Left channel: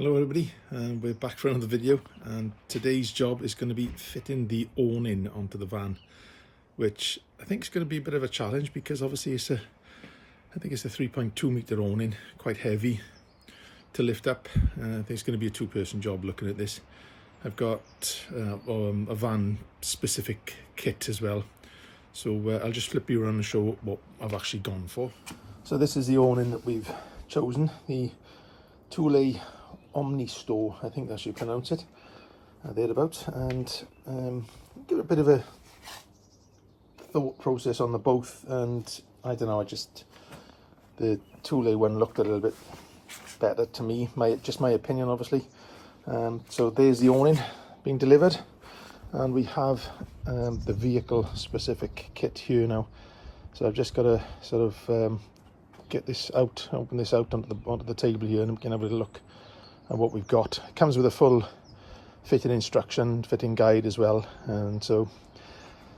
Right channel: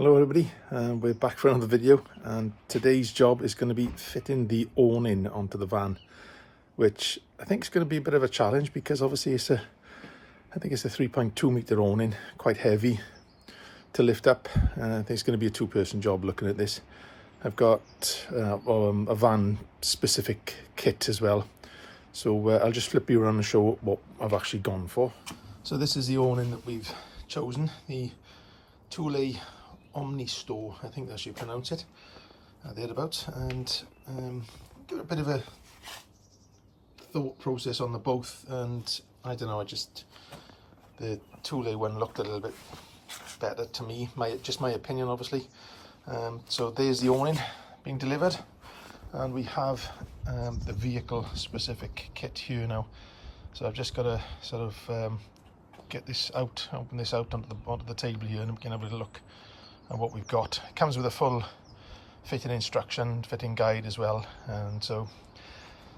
Hello everybody, we're back for another video, and today's job is going to be fitting the awning onto the van, which I think is going to be a bit of a challenge because obviously I think it's a 3.2 meter awning, quite heavy to lift up. I think it's going to be a two-person job looking at this. I've got a van specific kit as well, so I'll just flip you around and show what I've actually gone for. So this is the awning that we've chosen, the Thule Omnistor, I think that's how you pronounce it, thereabouts, and give it a bit of a thought process on the both, and I don't know, the Thule one looked a little bit better to me, just my opinion obviously. So there's the awning being delivered, and we have the vehicle specific kit here now. So I've just got to sort of get this out, open this out onto the table here, and we can have a little look at what we've got. It comes with a full fitting instruction, fitting guide as well, and so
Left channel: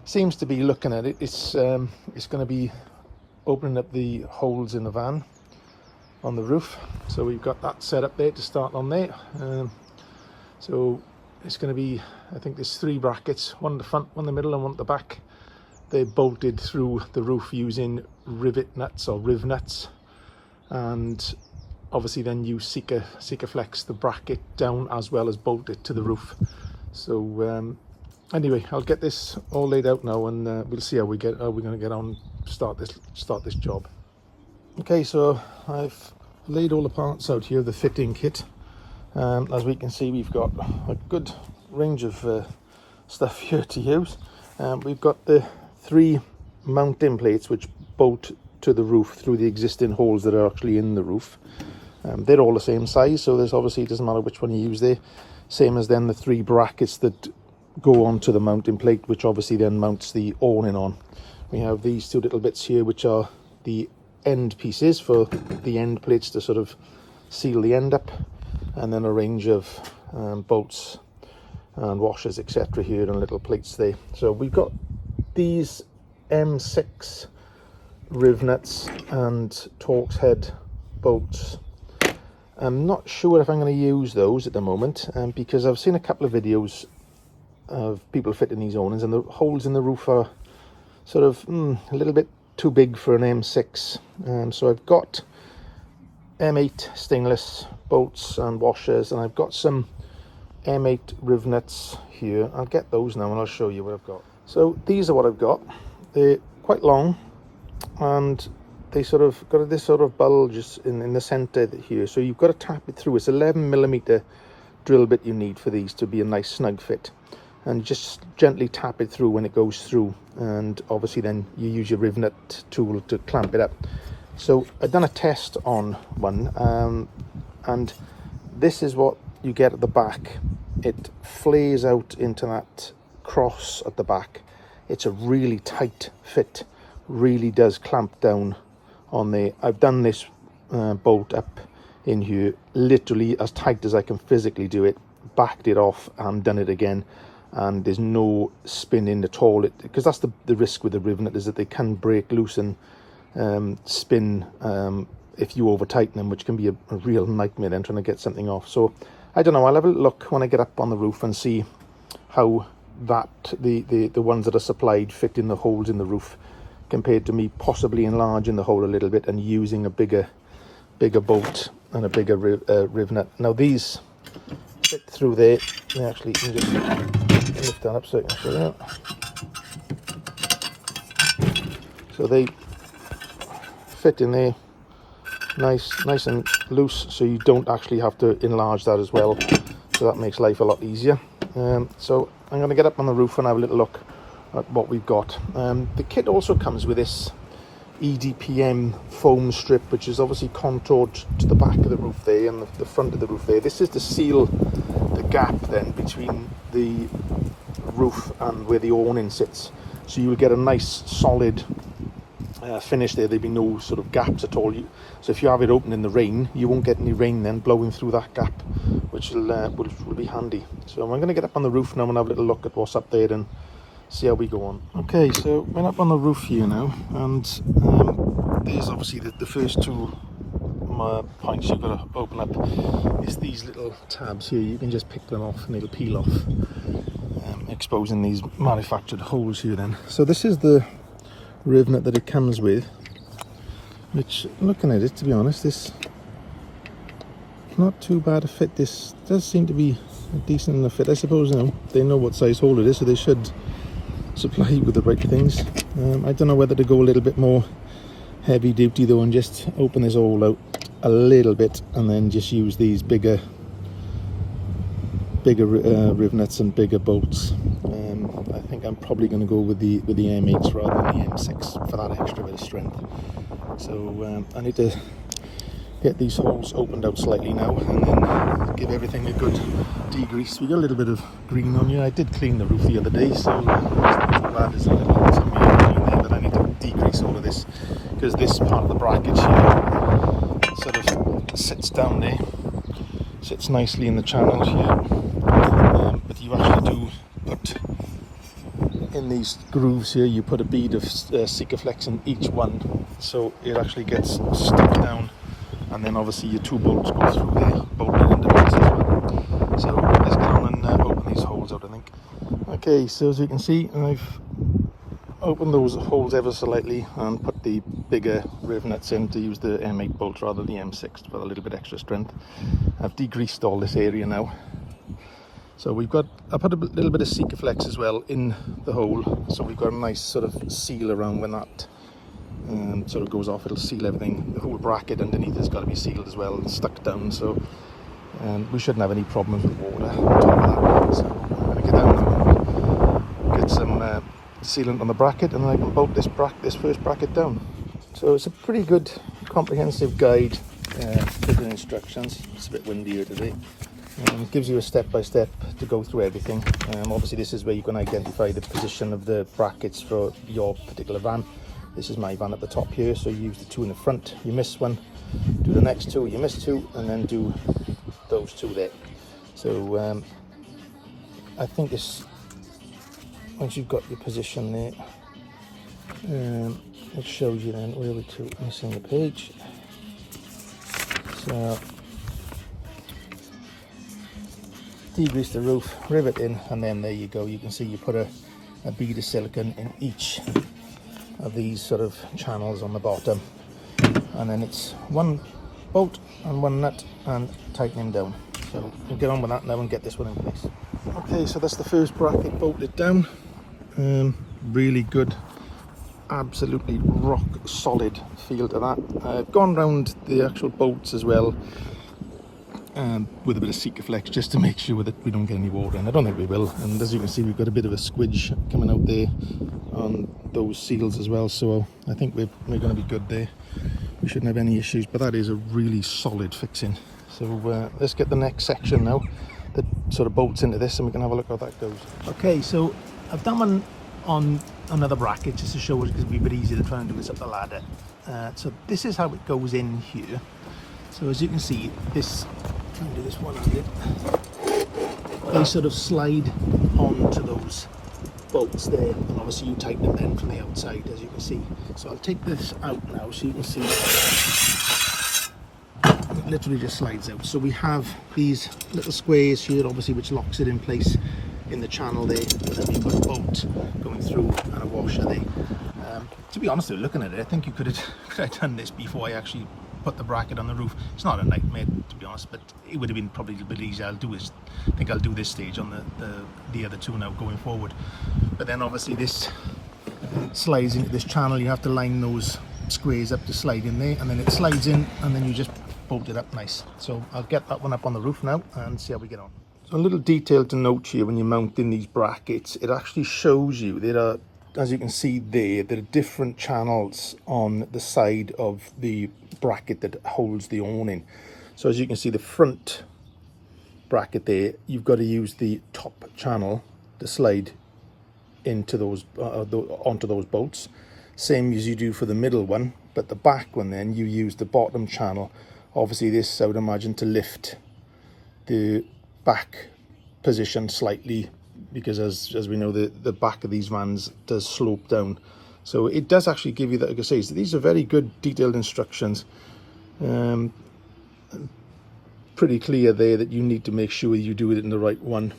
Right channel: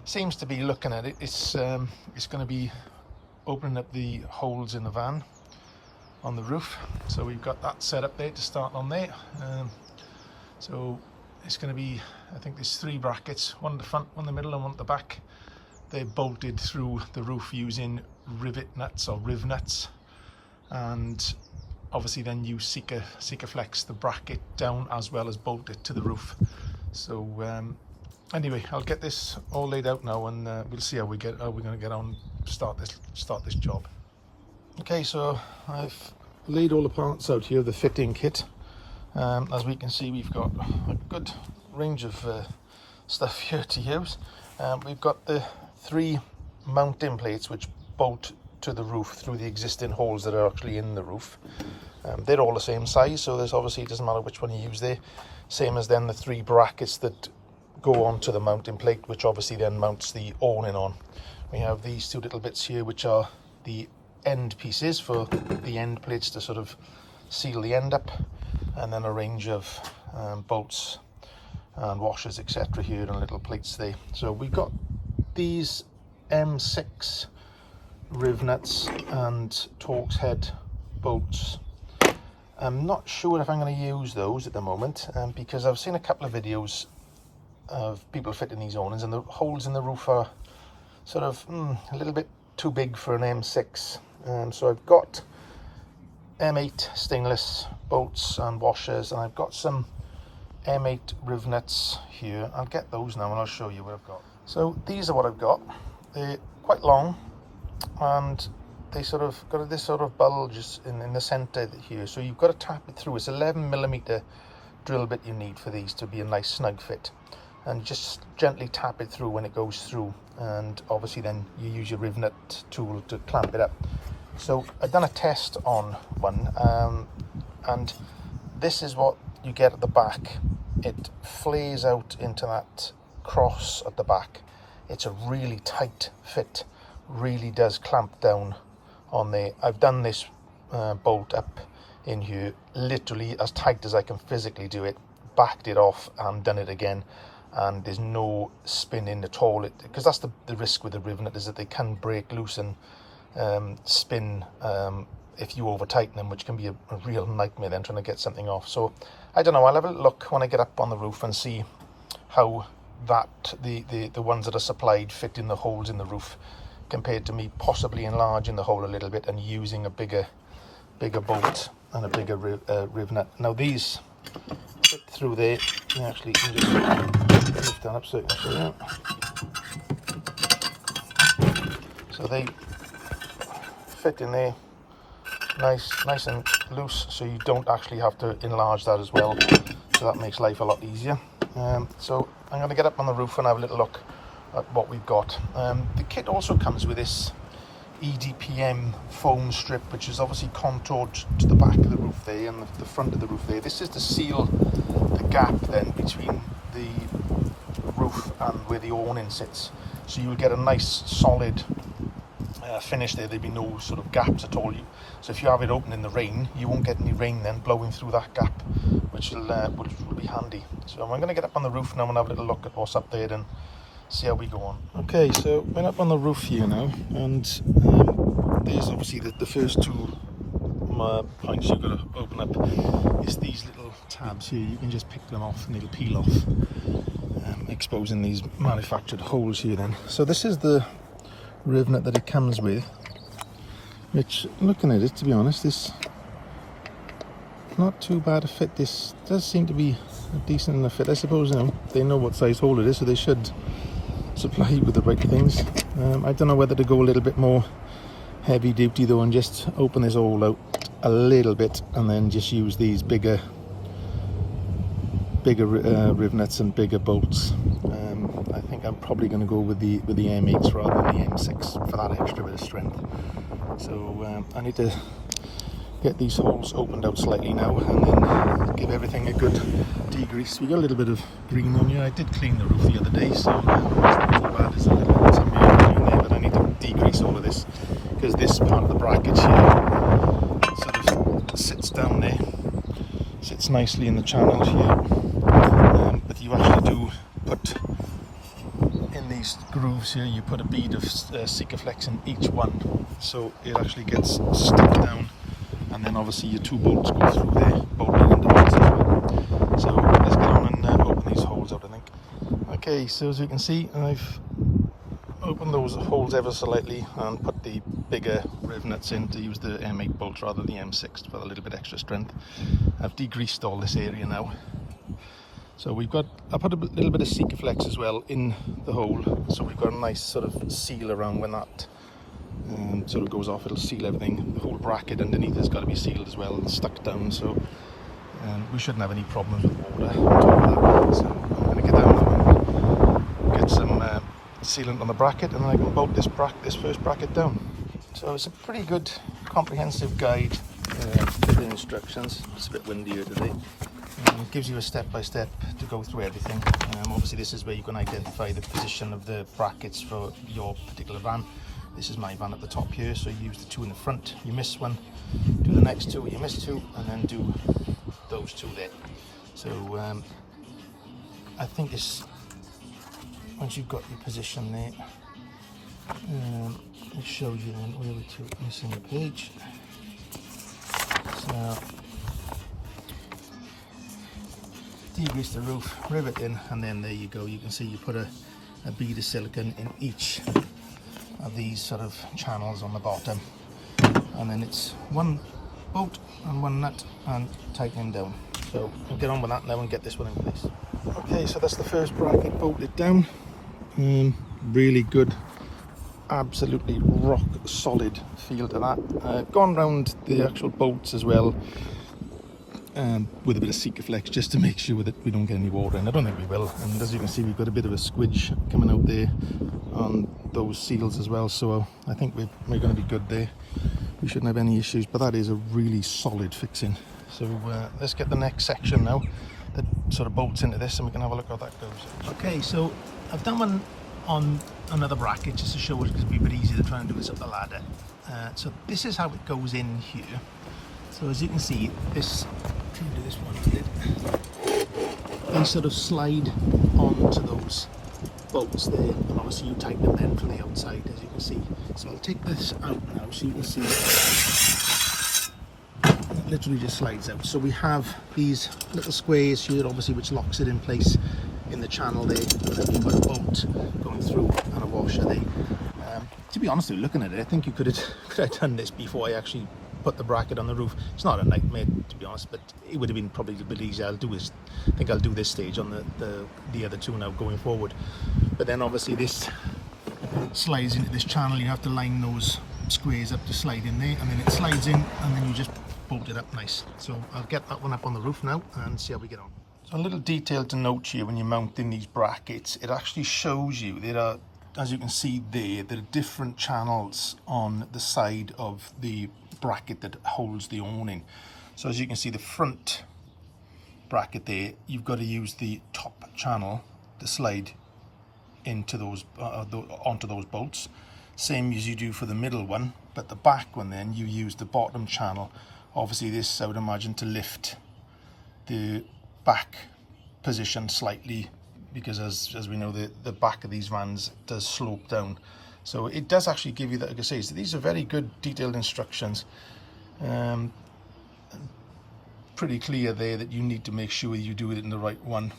seems to be, looking at it, it's going to be opening up the holes in the van on the roof. So we've got that set up there to start on there. So it's going to be, I think there's 3 brackets, one at the front, one in the middle and one at the back. They're bolted through the roof using rivet nuts or riv nuts, and obviously then you Sikaflex the bracket down as well as bolt it to the roof. So anyway, I'll get this all laid out now, and we'll see how we're going to get on, start this job. Okay, so I've laid all the parts out here, the fitting kit. As we can see, we've got a good range of stuff here to use. We've got the 3 mounting plates which bolt to the roof through the existing holes that are actually in the roof. They're all the same size, so there's obviously, it doesn't matter which one you use there. Same as then the 3 brackets that go onto the mounting plate, which obviously then mounts the awning on. We have these 2 little bits here which are the end pieces for the end plates to sort of seal the end up, and then a range of bolts and washers etc. here and little plates there. So we've got these M6 riv nuts and Torx head bolts. I'm not sure if I'm going to use those at the moment, because I've seen a couple of videos of people fitting these awnings, and the holes in the roof are sort of a little bit too big for an M6. So I've got M8 stainless bolts and washers, and I've got some M8 riv nuts here. I'll get those now and I'll show you what I've got. So these are what I've got. They're quite long, and they sort of got this sort of bulge in the center here, so you've got to tap it through. It's 11mm drill bit you need for these to be a nice snug fit, and just gently tap it through when it goes through, and obviously then you use your riv nut tool to clamp it up. So I've done a test on one, and this is what you get at the back. It flares out into that cross at the back. It's a really tight fit, really does clamp down on there. I've done this bolt up in here literally as tight as I can physically do it, backed it off and done it again, and there's no spinning at all, because that's the risk with the riv nut, is that they can break loose and spin if you over tighten them, which can be a real nightmare then trying to get something off. So I don't know, I'll have a look when I get up on the roof and see how the ones that are supplied fit in the holes in the roof, compared to me possibly enlarging the hole a little bit and using a bigger bolt and a bigger riv nut. Now these fit through there. You actually can lift it up so you can see it. So they fit in there nice and loose, so you don't actually have to enlarge that as well, so that makes life a lot easier. So I'm going to get up on the roof and have a little look at what we've got. The kit also comes with this EDPM foam strip, which is obviously contoured to the back of the roof there and the front of the roof there. This is to seal the gap then between the roof and where the awning sits, so you would get a nice solid finish there. There'd be no sort of gaps at all. So if you have it open in the rain, you won't get any rain then blowing through that gap, which will be handy. So I'm going to get up on the roof now and have a little look at what's up there and see how we go on. Okay, so we're up on the roof here now, and there's obviously the first 2 points you've got to open up is these little little tabs here, you can just pick them off and it'll peel off, exposing these manufactured holes here then. So this is the riv nut that it comes with, which, looking at it, to be honest, this not too bad a fit. This does seem to be a decent enough fit. I suppose they know what size hole it is, so they should supply you with the right things. I don't know whether to go a little bit more heavy duty though and just open this hole out a little bit and then just use these bigger riv nuts and bigger bolts. I think I'm probably going to go with the M8s rather than the M6 for that extra bit of strength. So I need to get these holes opened out slightly now and then give everything a good degrease. We got a little bit of green on here. I did clean the roof the other day, so it's not too bad. There's a little bit of green there that I need to degrease over this, because this part of the bracket here sort of sits down there, sits nicely in the channel here. But you actually do put in these grooves here, you put a bead of Sikaflex in each one, so it actually gets stuck down, and then obviously your two bolts go through there, bolted into place as well. So let's get on and open these holes out, I think. Okay, so as you can see, I've opened those holes ever so lightly and put the bigger riv nuts in to use the M8 bolts rather than the M6 for a little bit extra strength. I've degreased all this area now. So I put a little bit of Sikaflex as well in the hole, so we've got a nice sort of seal around when that sort of goes off. It'll seal everything. The whole bracket underneath has got to be sealed as well and stuck down, so we shouldn't have any problems with water on top of that. So I'm going to get down now, get some sealant on the bracket, and I can bolt this first bracket down. So it's a pretty good comprehensive guide with the instructions. It's a bit windy here today. It gives you a step-by-step to go through everything. Obviously this is where you can identify the position of the brackets for your particular van. This is my van at the top here, so you use the two in the front, you miss one, do the next two, you miss two, and then do those two there. So I think this, once you've got your position there, it shows you then all the two missing the page. So degrease the roof, rivet it in, and then there you go. You can see you put a bead of silicone in each of these sort of channels on the bottom, and then it's one bolt and one nut and tightening down. So we'll get on with that now and get this one in place. Okay, so that's the first bracket bolted down. Really good, absolutely rock solid feel to that. I've gone around the actual bolts as well with a bit of Sikaflex just to make sure that we don't get any water in. I don't think we will, and as you can see we've got a bit of a squidge coming out there on those seals as well, so I think we're going to be good there. We shouldn't have any issues, but that is a really solid fixing. So let's get the next section now that sort of bolts into this, and we can have a look how that goes. Okay, so I've done one on another bracket just to show us, because it'd be a bit easier to try and do this up the ladder. So this is how it goes in here. So as you can see, this, try and do this one-handed, they sort of slide onto those bolts there, and obviously you tighten them then from the outside, as you can see. So I'll take this out now so you can see it literally just slides out. So we have these little squares here, obviously, which locks it in place in the channel there, and then you've got a bolt going through and a washer there. To be honest with you, looking at it, I think you could have done this before I actually put the bracket on the roof. It's not a nightmare, to be honest, but it would have been probably a bit easier. I think I'll do this stage on the other two now going forward. But then obviously this slides into this channel. You have to line those squares up to slide in there, and then it slides in, and then you just bolt it up nice. So I'll get that one up on the roof now and see how we get on. So a little detail to note here: when you're mounting these brackets, it actually shows you there are, as you can see there are different channels on the side of the bracket that holds the awning. So as you can see, the front bracket there, you've got to use the top channel to slide into those onto those bolts, same as you do for the middle one. But the back one, then you use the bottom channel. Obviously this, I would imagine, to lift the back position slightly, because as we know, the back of these vans does slope down. So it does actually give you that, like I say, so these are very good detailed instructions. pretty clear there that you need to make sure you do it in the right one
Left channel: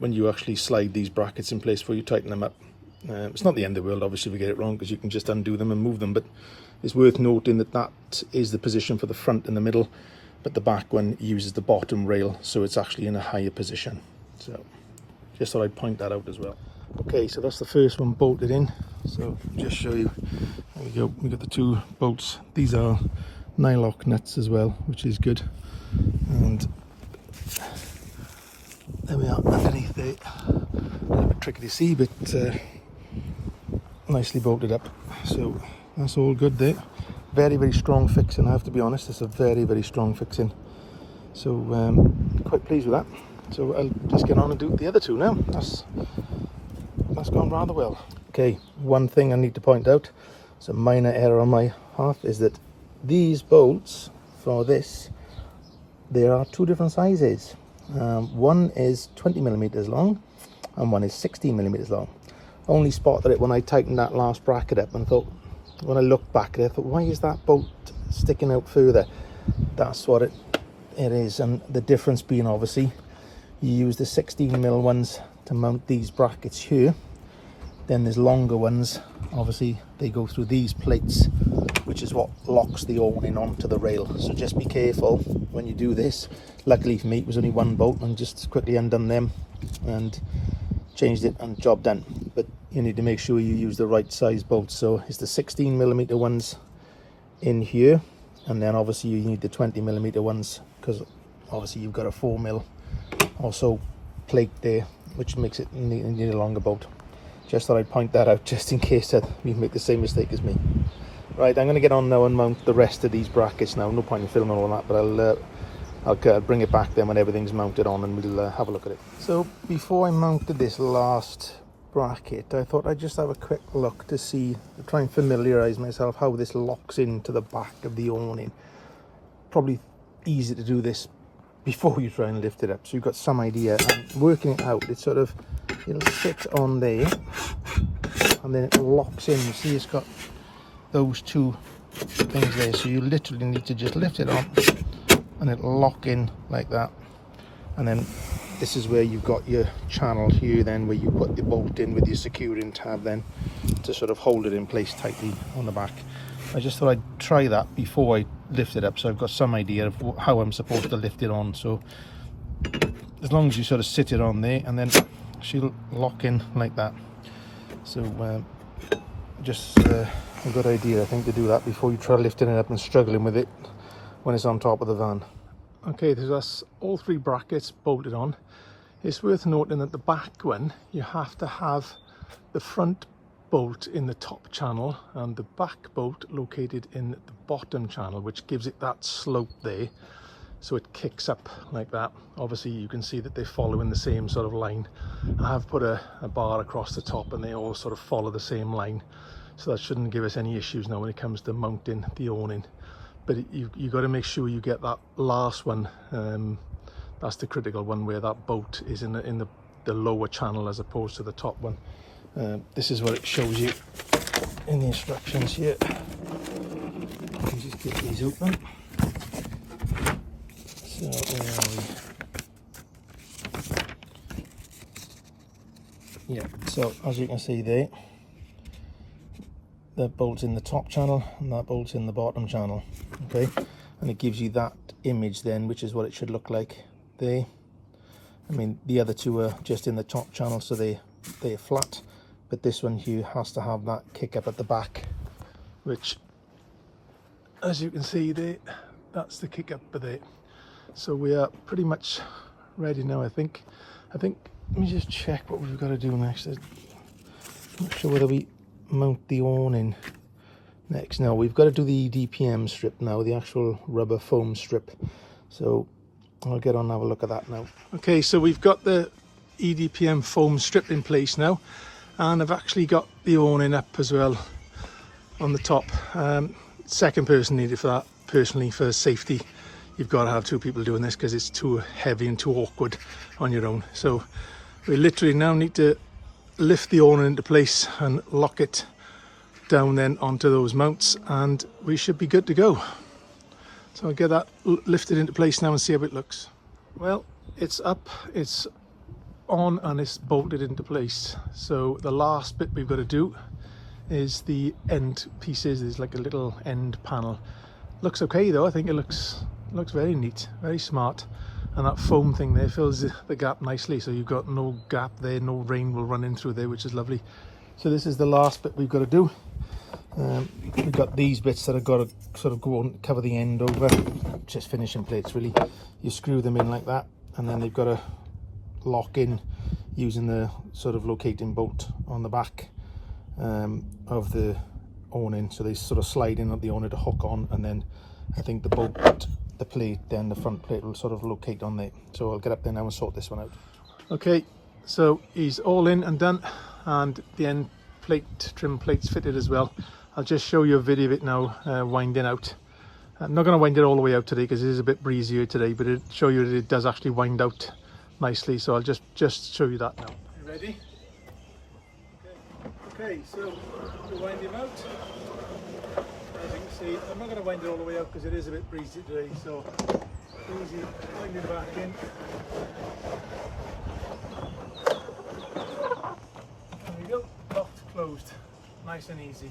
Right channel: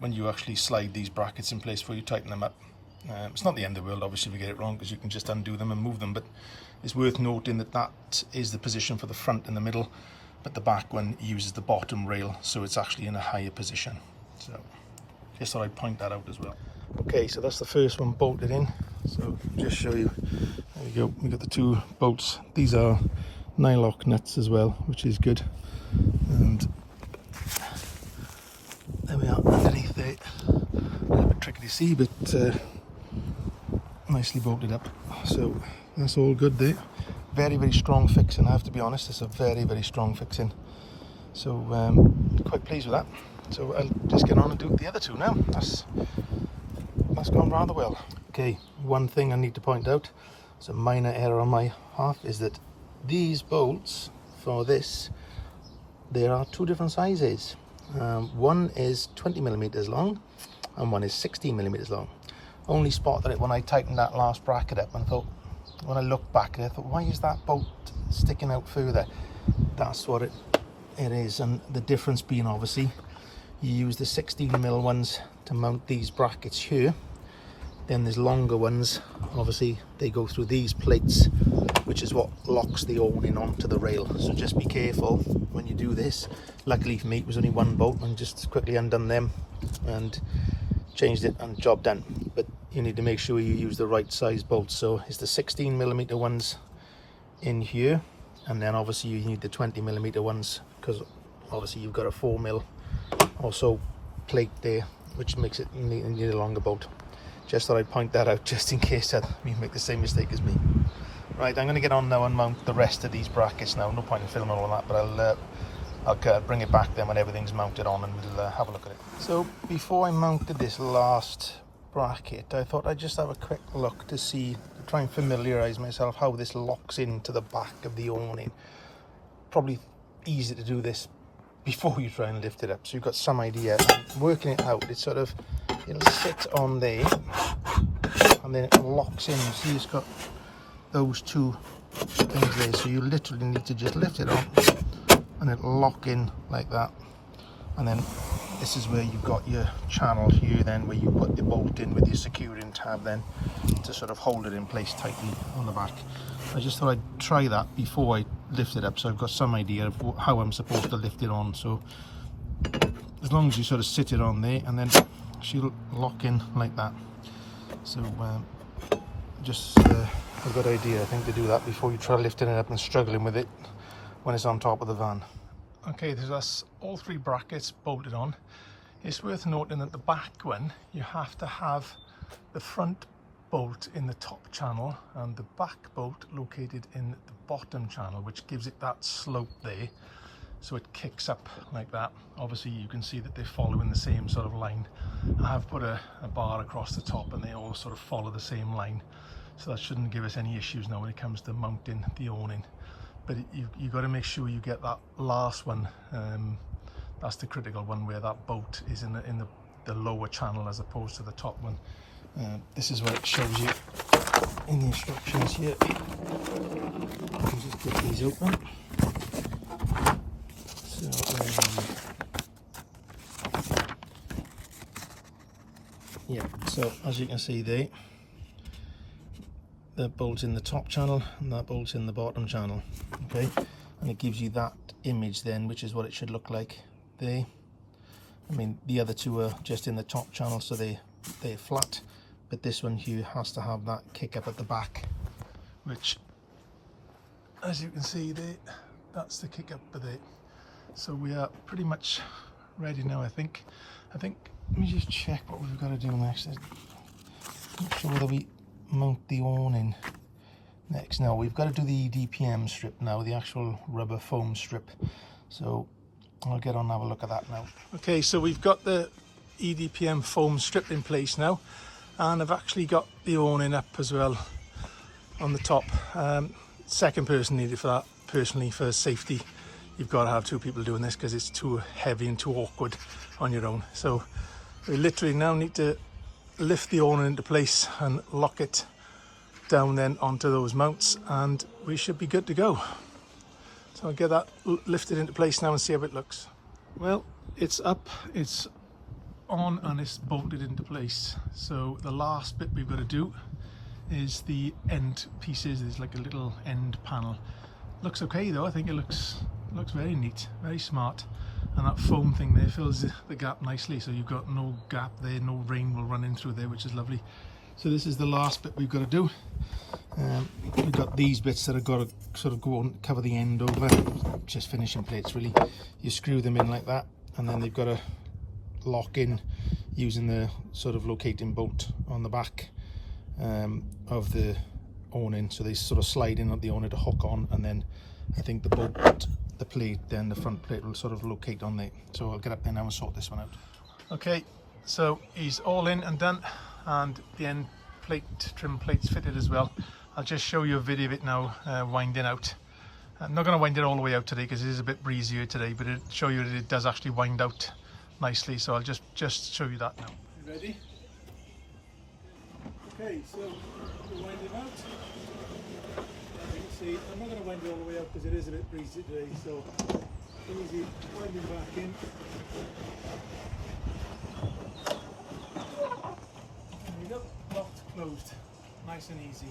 when you actually slide these brackets in place before you tighten them up. It's not the end of the world obviously if you get it wrong, because you can just undo them and move them, but it's worth noting that that is the position for the front in the middle, but the back one uses the bottom rail, so it's actually in a higher position. So just thought I'd point that out as well. Okay, so that's the first one bolted in, so I'll just show you. There you go, we've got the two bolts. These are nylock nuts as well, which is good. And there we are underneath it. A little bit tricky to see, but nicely bolted up. So that's all good there. Very, very strong fixing, I have to be honest. It's a very, very strong fixing. So quite pleased with that. So I'll just get on and do the other two now. That's gone rather well. Okay, one thing I need to point out, it's a minor error on my half, is that these bolts for this, there are two different sizes. One is 20mm long and one is 16mm long. Only spotted it when I tightened that last bracket up and thought, when I looked back I thought, why is that bolt sticking out further? That's what it is, and the difference being obviously you use the 16mm ones to mount these brackets here, then there's longer ones, obviously they go through these plates, which is what locks the awning onto the rail. So just be careful when you do this. Luckily for me it was only one bolt, and just quickly undone them and changed it and job done. But you need to make sure you use the right size bolts. So it's the 16mm ones in here, and then obviously you need the 20mm ones, because obviously you've got a 4mm also plate there, which makes it need a longer bolt. Just thought I'd point that out just in case you make the same mistake as me. Right, I'm going to get on now and mount the rest of these brackets now. No point in filming all that, but I'll bring it back then when everything's mounted on, and we'll have a look at it. So before I mounted this last bracket, I thought I'd just have a quick look to see, to try and familiarise myself how this locks into the back of the awning. Probably easy to do this before you try and lift it up, so you've got some idea. Working it out, it's sort of, it'll sit on there and then it locks in. So it's got those two things there, so you literally need to just lift it up and it'll lock in like that. And then this is where you've got your channel here then, where you put the bolt in with your securing tab then to sort of hold it in place tightly on the back. I just thought I'd try that before I lift it up, so I've got some idea of how I'm supposed to lift it on. So as long as you sort of sit it on there, and then she'll lock in like that. So just a good idea, I think, to do that before you try lifting it up and struggling with it when it's on top of the van. Okay, that's all three brackets bolted on. It's worth noting that the back one, you have to have the front bolt in the top channel and the back bolt located in the bottom channel, which gives it that slope there, so it kicks up like that. Obviously you can see that they follow in the same sort of line. I have put a bar across the top and they all sort of follow the same line, so that shouldn't give us any issues now when it comes to mounting the awning. But you got to make sure you get that last one, that's the critical one, where that bolt is in the lower channel as opposed to the top one. This is where it shows you in the instructions here. Just get these open. So yeah, so as you can see there, that bolt's in the top channel and that bolt's in the bottom channel. Okay, and it gives you that image then, which is what it should look like there. I mean, the other two are just in the top channel, so they're flat, but this one here has to have that kick up at the back, which, as you can see there, that's the kick up there. So we are pretty much ready now, I think. Let me just check what we've got to do next. I'm not sure whether we mount the awning next. No, we've got to do the EDPM strip now, the actual rubber foam strip. So I'll get on and have a look at that now. Okay, so we've got the EDPM foam strip in place now, and I've actually got the awning up as well on the top. Second person needed for that. Personally, for safety, you've got to have two people doing this because it's too heavy and too awkward on your own. So we literally now need to lift the awning into place and lock it down then onto those mounts, and we should be good to go. So I'll get that lifted into place now and see how it looks. Well, it's up, it's on, and it's bolted into place. So the last bit we've got to do is the end pieces. There's like a little end panel. Looks okay though. I think it looks very neat, very smart. And that foam thing there fills the gap nicely, so you've got no gap there, no rain will run in through there, which is lovely. So this is the last bit we've got to do. We've got these bits that I've got to sort of go on, cover the end over, just finishing plates really. You screw them in like that, and then they've got to lock in using the sort of locating bolt on the back of the awning. So they sort of slide in at the awning to hook on, and then I think the bolt, the plate, then the front plate will sort of locate on there. So I'll get up there now and sort this one out. Okay, so he's all in and done, and the end plate, trim plates fitted as well. I'll just show you a video of it now, winding out. I'm not going to wind it all the way out today because it is a bit breezier today, but it'll show you that it does actually wind out nicely. So I'll just show you that now. You ready? Okay, so to wind him out, as you can see, I'm not going to wind it all the way out because it is a bit breezy today, so easy winding back in. There we go, locked, closed, nice and easy.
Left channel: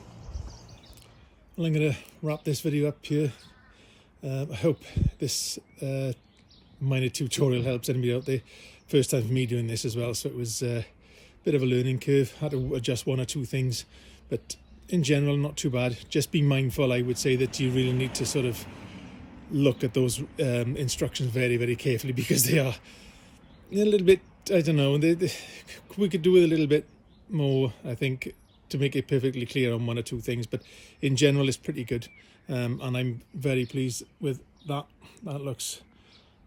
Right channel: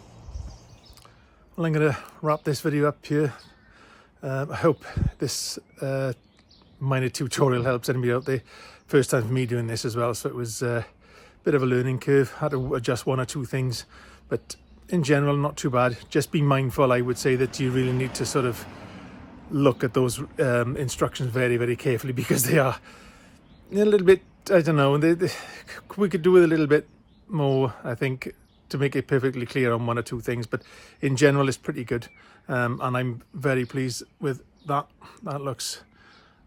Well, I'm going to wrap this video up here. I hope this minor tutorial helps anybody out there. First time for me doing this as well, so it was a bit of a learning curve. Had to adjust one or two things, but in general not too bad. Just be mindful, I would say, that you really need to sort of look at those instructions very, very carefully, because they are a little bit, I don't know, we could do with a little bit more, I think, to make it perfectly clear on one or two things, but in general it's pretty good, and I'm very pleased with that. That looks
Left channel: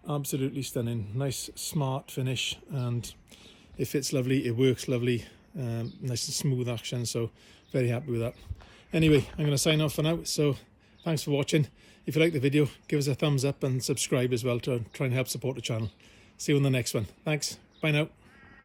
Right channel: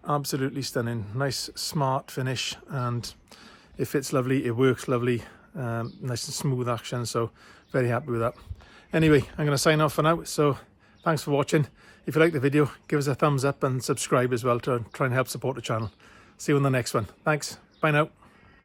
absolutely stunning. Nice smart finish, and it fits lovely, it works lovely, nice and smooth action, so very happy with that. Anyway, I'm going to sign off for now, so thanks for watching. If you like the video, give us a thumbs up and subscribe as well to try and help support the channel. See you on the next one. Thanks, bye now.